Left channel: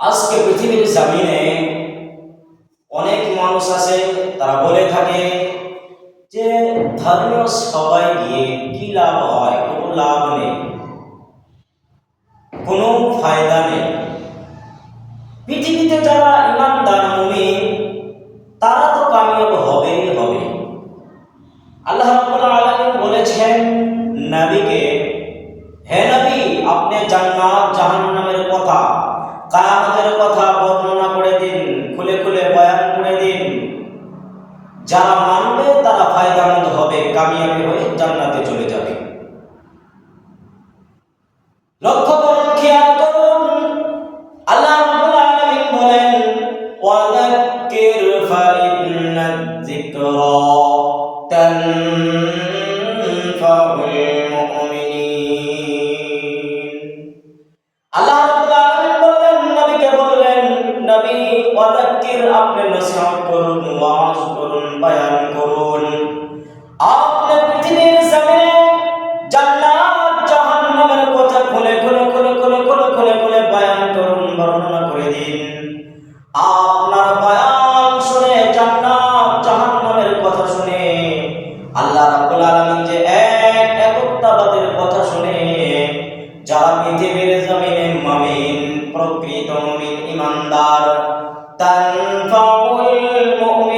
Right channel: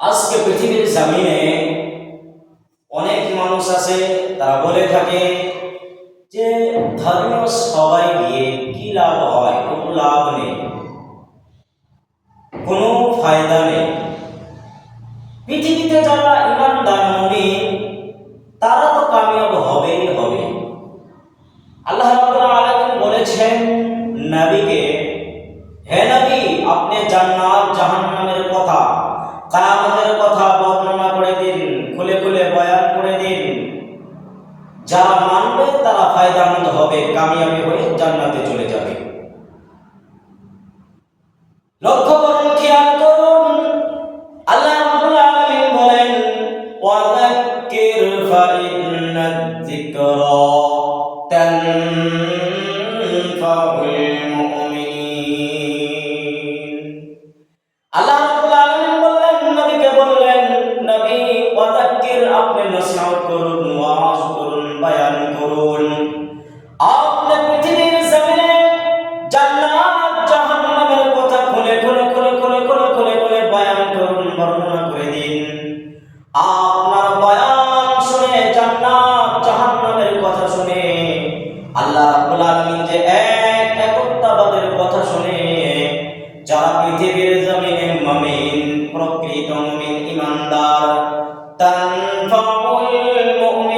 আজকে পৃথিবীর জামিনে অনেক মানুষ আছে, তারা বলে থাকে যে ধর্মীয় সবাই গিয়ে কি লাভ হয়, কোনো লাভ নেই, কোনো ফায়দা নেই। পৃথিবীতে যারা ইমানদার মুমিন, তারা তো কামিয়াব হবেই হবে। আল্লাহ রাব্বুল আলামিন বলেছেন, নবীকে, হে নবী, আপনি জান্নাত কিয়ামতের কথা বর্ণনা করে দিন, খুলে খুলে বয়ান করে দিন। যারা মানবে, তারা ফায়দামন্দ হবে, কামিয়াবি হয়ে জান্নাতে চলে যাবে। লক্ষ্য প্রকৃত মুমিন ইমানদার তানফাউল মুমিনিন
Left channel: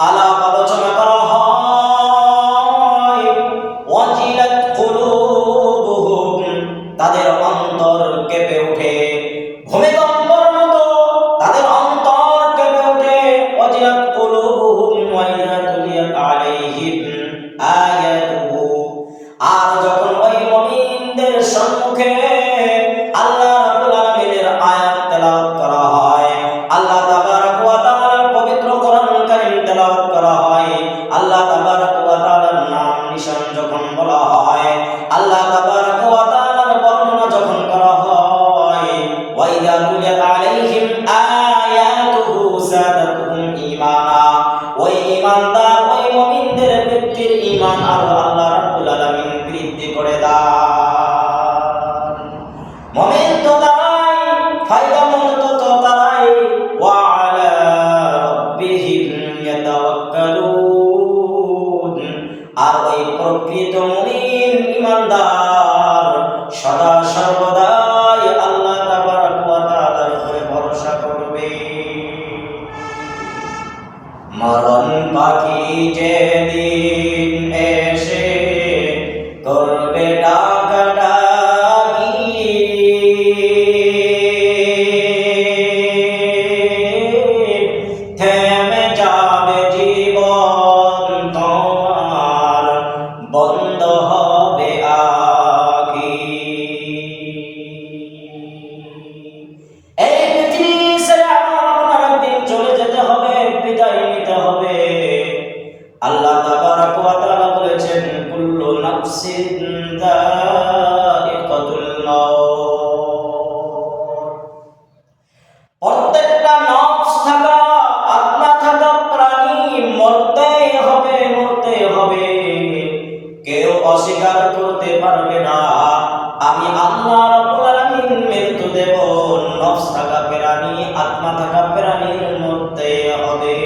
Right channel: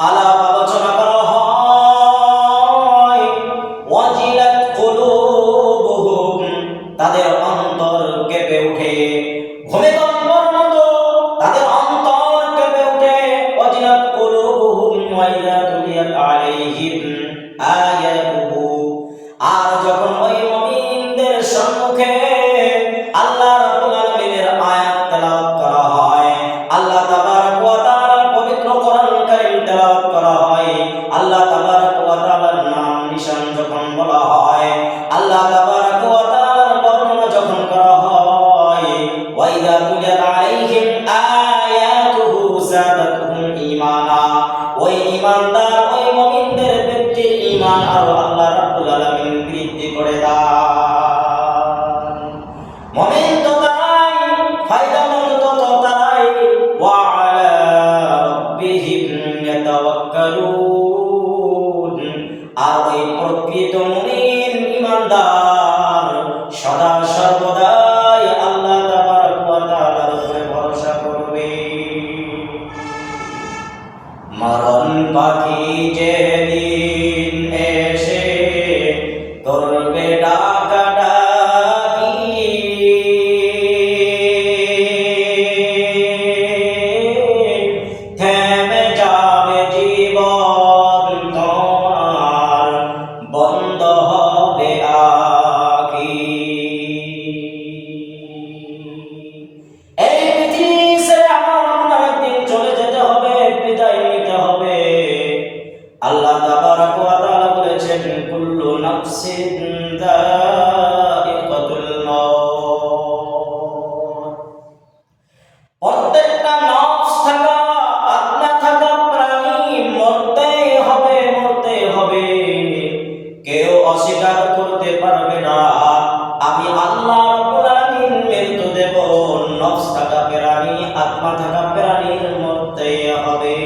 আলাপ আলোচনা যখন বলা হয়, আল্লাহ তাবারক ওয়া বর্ণনা যখন করা হয়, ওয়া ইযা তুলিয়াত আলাইহিম আয়াতুহু যাদাতুহুম ঈমানা, ওই ঈমানদার ওই মুমিনদের ব্যক্তির ঈমান আর অস্বীকার করতে পারবে না। আমি আল্লাহ রাব্বুল আলামিন মৃত্যু দেব, নফস থাকা প্রাণী আত্মা থাকা প্রাণীর মধ্যে হবে।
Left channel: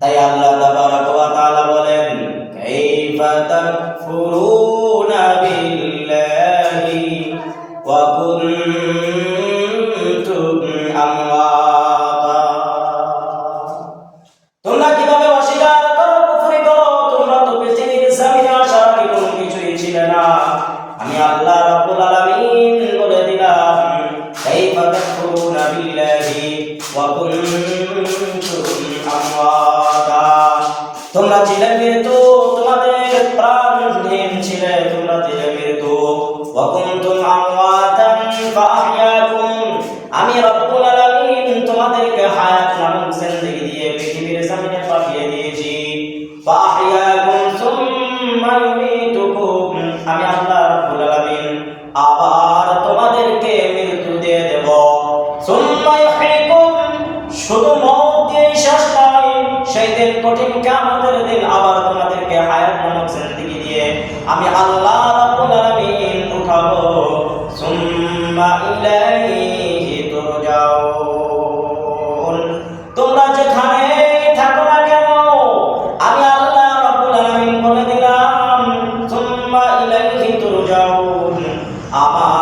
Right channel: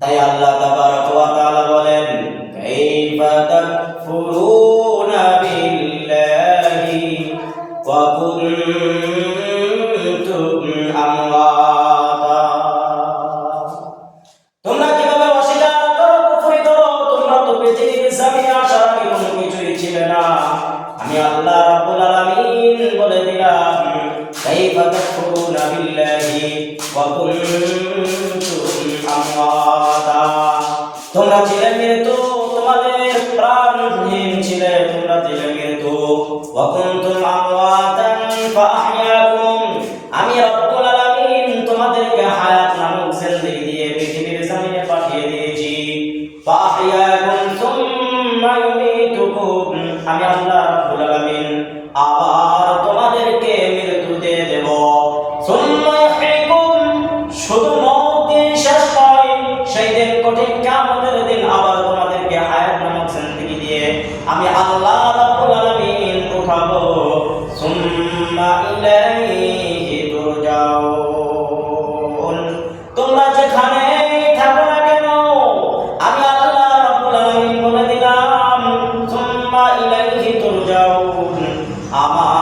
তাই আল্লাহ তাবারাক ওয়া তাআলা বলেন, কাইফা তাকফুরুনা আল্লাহ রাব্বুল আলামিন বলে দিলাম, কাইফা তাকফুরুনা বিল্লাহি ওয়া কুনতুম আমওয়াতা। তোমরা ছিলে মৃত তোমাদের প্রাণহীন ছিলে, তোমরা ছিলে মৃত ওয়া কুনতুম আমওয়াতান ফাহইয়াকুম। আমি রাব্বুল আলামিন তোমাদেরকে হায়াত নামক জিন্দেগি দিয়ে পৃথিবীর জমিনে পাঠিয়ে দিয়েছি। ফাহইয়াকুম সুম্মা আমি আল্লাহ রাব্বুল আলামিন আবার তোমাদেরকে মৃত্যু দিয়ে দেব। সুম্মা ইউহিকুম, শুধু মওত দিয়ে শেষ নয়, সেই দিন কঠিন কিয়ামতের দিন আবার তোমাদেরকে হায়াত নামক জিন্দেগি দিয়ে আমি আল্লাহ রাব্বুল আলামিন উঠাবো। সুম্মা ইলাইহি 妈妈。